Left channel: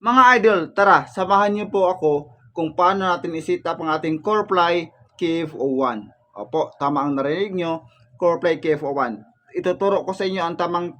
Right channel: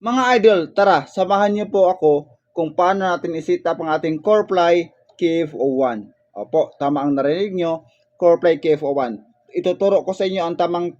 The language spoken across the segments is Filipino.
Mga idol, tara, samahan niyo po ako kung paano natin i-set up ang ating CoreFly KF01. Opo, tama ang narinig nyo, CoreFly KF01. Ituturo ko sa inyo ang tamang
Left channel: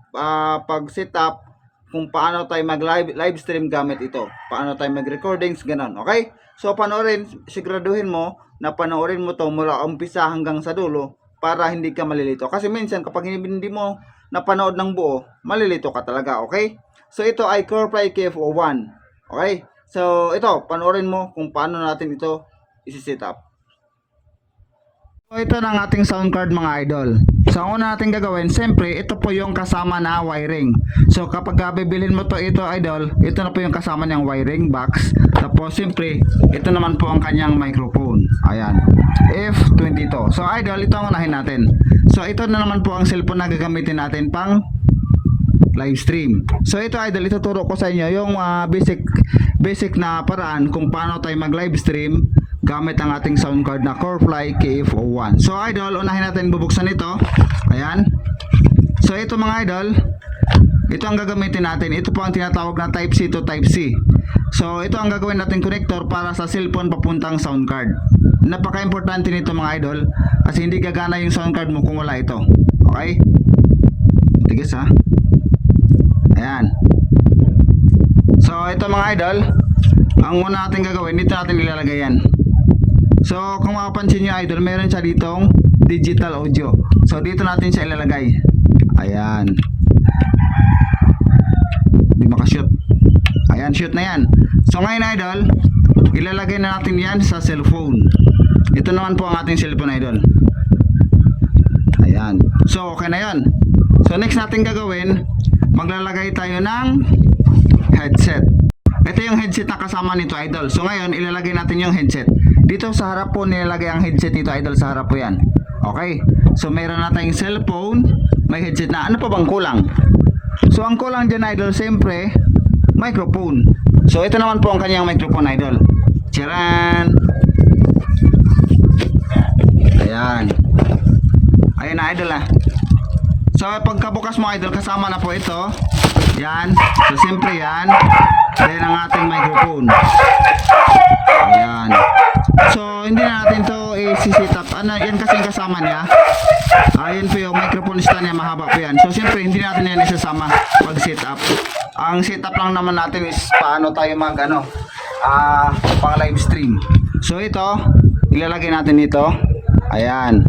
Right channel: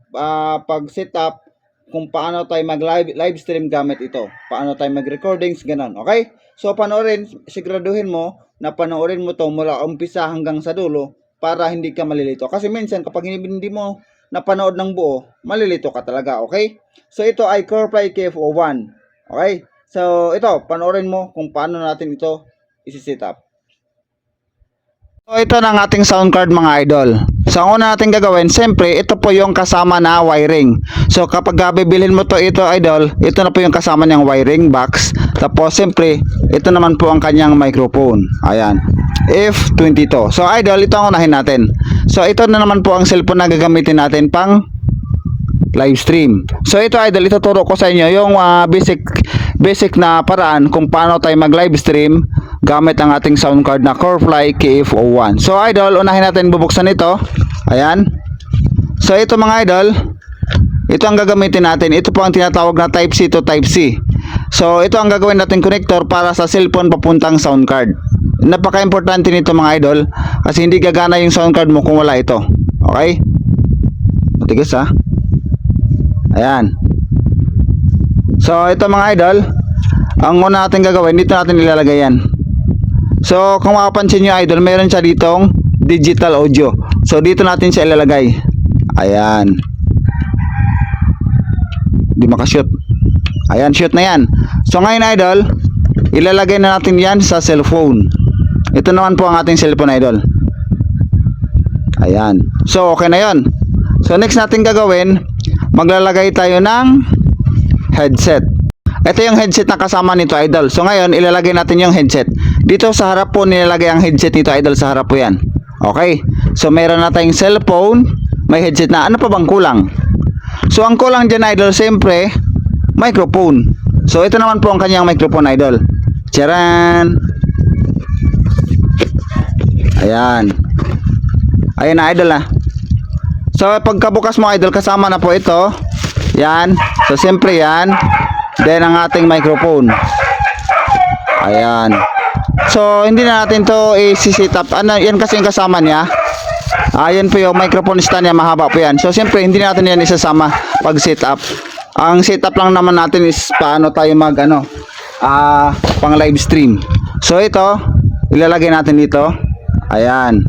pag-set up kung paano tayo mag-live stream gamit ito. Paano tayo mag-recordings, ganon. Okay? So, panoorin, siguraduhin mo na panoorin mo to mula umpisa hanggang sa dulo para hindi ka malilito. Kasi minsan kapag hindi mo napanood ng buo, malilito ka talaga. Okay? So, ito ay CoreFly KF01. Okay? So, ito, panoorin mo kung paano natin ito isi-set up. So, ito na ang ating sound card mga idol. So, ang una natin gagawin, siyempre, ito po yung kasama na wiring. So, kapag bibilhin mo to ito idol, ito na po yung kasama niyang wiring box. Tapos, siyempre, ito naman po ang kanyang microphone. Ayan. F22. So, idol, ito ang unahin natin. So, ito na naman po ang cellphone na gagamitin natin pang live stream. So ito idol, ituturo ko sa inyo yung basic na paraan kung paano tayo mag live stream gamit ang ating sound card na CoreFly KF01. So idol, unahin natin bubuksan ito. Ayan. So ito mga idol, ito ang gagamitin natin. Ito po ang tinatawag na Type C to Type C. So ito ang gagawin natin connector para sa cellphone papuntang sound card. Napaka-importante nito mga idol kasi hindi gagana yung sound card mo kung wala ito. Okay? Matigas ha. Ayan. So ito mga idol, ang una natin gagawin, dito natin ilalagay yan. So kung makapansin nyo idol, meron siya ditong digital audio. So dito natin siya ilalagay. Ayan. Di makashoot. Ayan, shoot na yan. So ngayon idol, ilalagay na natin yan sa cellphone. Ito naman po ang ating cellphone idol. Ayan. So okay na yon. So next natin gagawin, maglalagay tayo ng headset. Ito yung headset na kasama nito idol. So ngayon ilalagay natin yung headset. Dito sa harap po nilalagay ang headset nito idol, sa harap po yan. Okay. So meron na tayong cellphone, may headset na. Ano pa bang kulang? So ang kulang dyan idol, siyempre microphone. So ito naman po ang kanyang microphone idol. Charan. Ayan. Ayan na idol ah. So pagkabukas mo idol, kasama na po ito. Yan. So siyempre yan. Then ang ating microphone. Ayan. So hindi na natin to i-set up. Ano yan kasi yung kasama niya. Ayan po yung microphone stand niya, mahaba po yan. So siyempre hindi natin yan isasama pag set up. Ang setup lang naman natin is paano tayo mag pang live stream. So ito ilalagay natin dito. Ayan.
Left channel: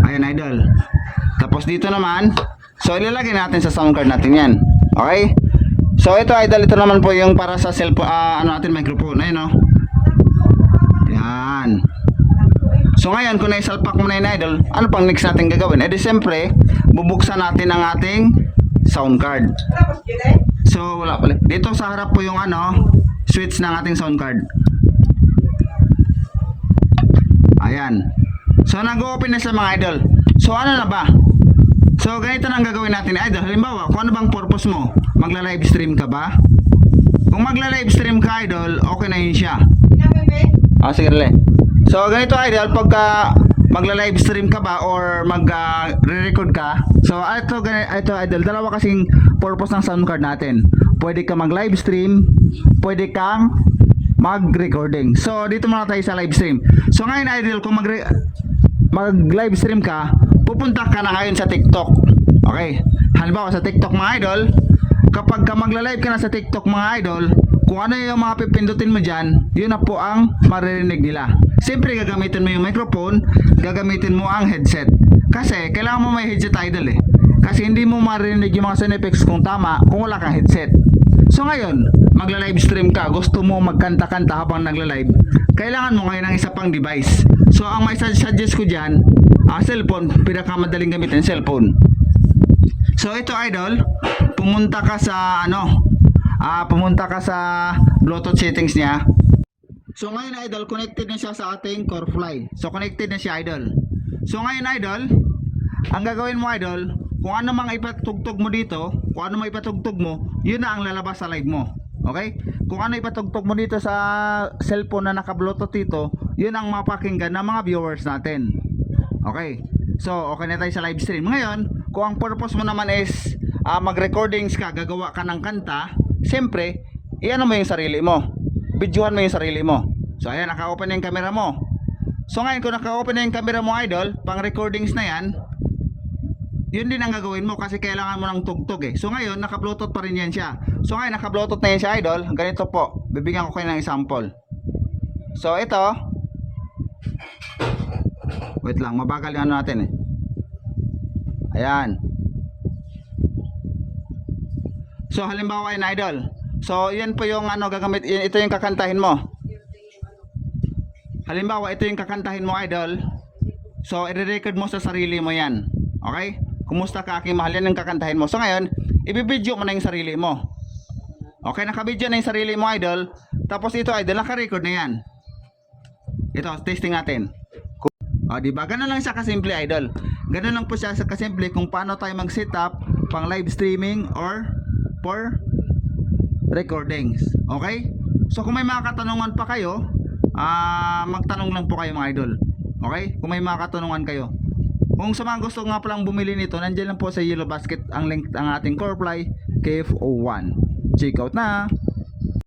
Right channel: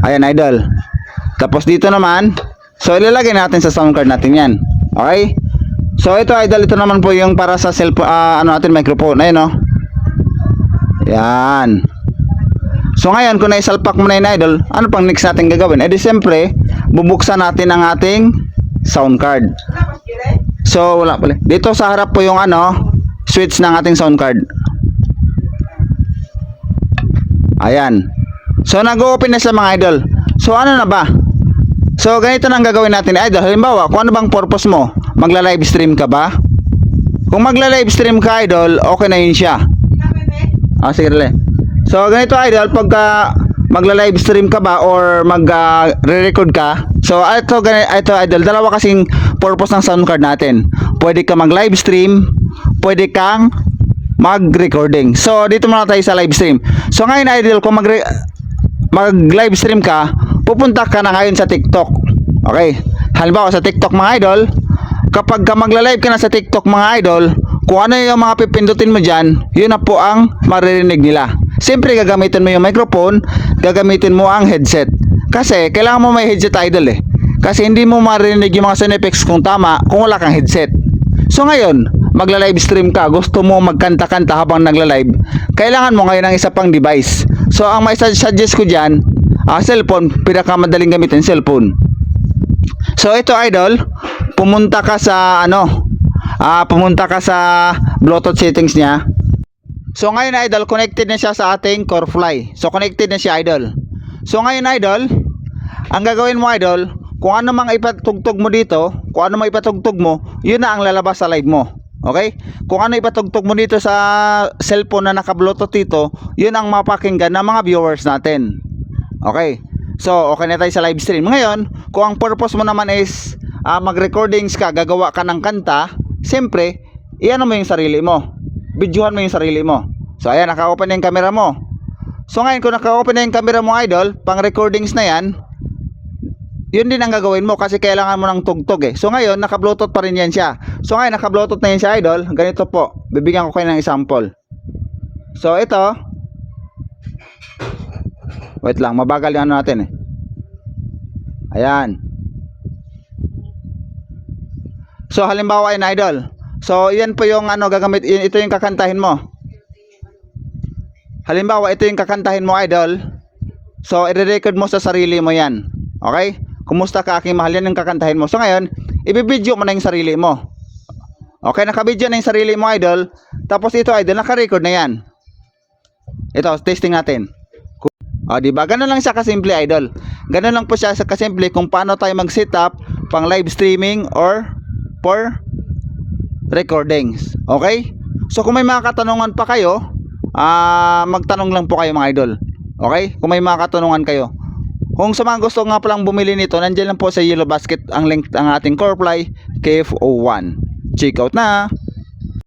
Ayan idol. Tapos dito naman, so ilalagay natin sa sound card natin yan. Okay? So ito idol, ito naman po yung para sa cellphone, natin microphone. Ayun o. Yan. So ngayon, kung naisalpak mo na yun idol, ano pang next natin gagawin? Eh di siyempre, bubuksan natin ang ating sound card. So wala pala. Dito sa harap po yung switch ng ating sound card. Ayan. So nag-open na sa mga idol. So ano na ba? So ganito na ang gagawin natin idol. Halimbawa, kung ano bang purpose mo? Magla-live stream ka ba? Kung magla-live stream ka idol, okay na yun siya. Sige rele. So ganito idol, pagka magla-live stream ka ba or mag-re-record ka. So ito idol, dalawa kasing purpose ng sound card natin. Pwede ka mag-live stream, pwede kang mag-recording. So dito muna tayo sa live stream. So ngayon idol, kung mag-live stream ka, pupunta ka na ngayon sa TikTok. Okay? Halimbawa sa TikTok mga idol, kapag magla-live ka na sa TikTok mga idol, kung ano yung mga pipindutin mo dyan, yun na po ang maririnig nila. Siyempre gagamitin mo yung microphone, gagamitin mo ang headset. Kasi kailangan mo may headset idol eh. Kasi hindi mo maririnig yung mga sound effects kung tama kung wala kang headset. So ngayon, magla-live stream ka, gusto mo magkanta-kanta habang nagla-live, kailangan mo ngayon ng isa pang device. So ang may suggest ko dyan, cellphone, pinakamadaling gamitin cellphone. So ito idol, pumunta ka sa Bluetooth settings niya. So ngayon idol, connected na siya sa ating CoreFly. So connected na siya idol. So ngayon idol, ang gagawin mo idol, kung ano mang ipatugtog mo dito, kung ano mang ipatugtog mo, yun na ang lalabas sa live mo. Okay? Kung ano ipatugtog mo dito sa cellphone na naka-Bluetooth dito, yun ang mapakinggan ng mga viewers natin. Okay? So, okay na tayo sa live stream. Ngayon, kung ang purpose mo naman is mag-recordings ka, gagawa ka ng kanta, siyempre, iyan mo yung sarili mo. Videohan mo yung sarili mo. So ayan, naka-open na yung camera mo. So ngayon, kung naka-open na yung camera mo, idol, pang recordings na yan, yun din ang gagawin mo kasi kailangan mo ng tugtog eh. So ngayon, naka-bluetooth pa rin yan siya. So ngayon, naka-bluetooth na yan siya, idol. Ganito po, bibigyan ko kayo ng example. So ito, wait lang, mabagal yung ano natin eh. Ayan. So halimbawa yun, idol. So yan po yung ano gagamit, ito yung kakantahin mo. Halimbawa ito yung kakantahin mo, idol. So i-record mo sa sarili mo yan. Okay? Kumusta ka aking mahal, yan yung kakantahin mo. So ngayon, i-video mo na yung sarili mo. Okay, naka-video na yung sarili mo, idol. Tapos ito, idol, naka-record na yan. Ito, testing natin. O, diba? Ganun lang siya kasimple, idol. Ganun lang po siya sa kasimple kung paano tayo mag-setup pang live streaming or for recordings. Okay? So, kung may mga katanungan pa kayo, magtanong lang po kayo mga idol. Okay? Kung may mga katanungan kayo. Kung sa mga gusto nga palang bumili nito, nandiyan lang po sa Yellow Basket ang link ng ating CoreFly KF01. Check out na!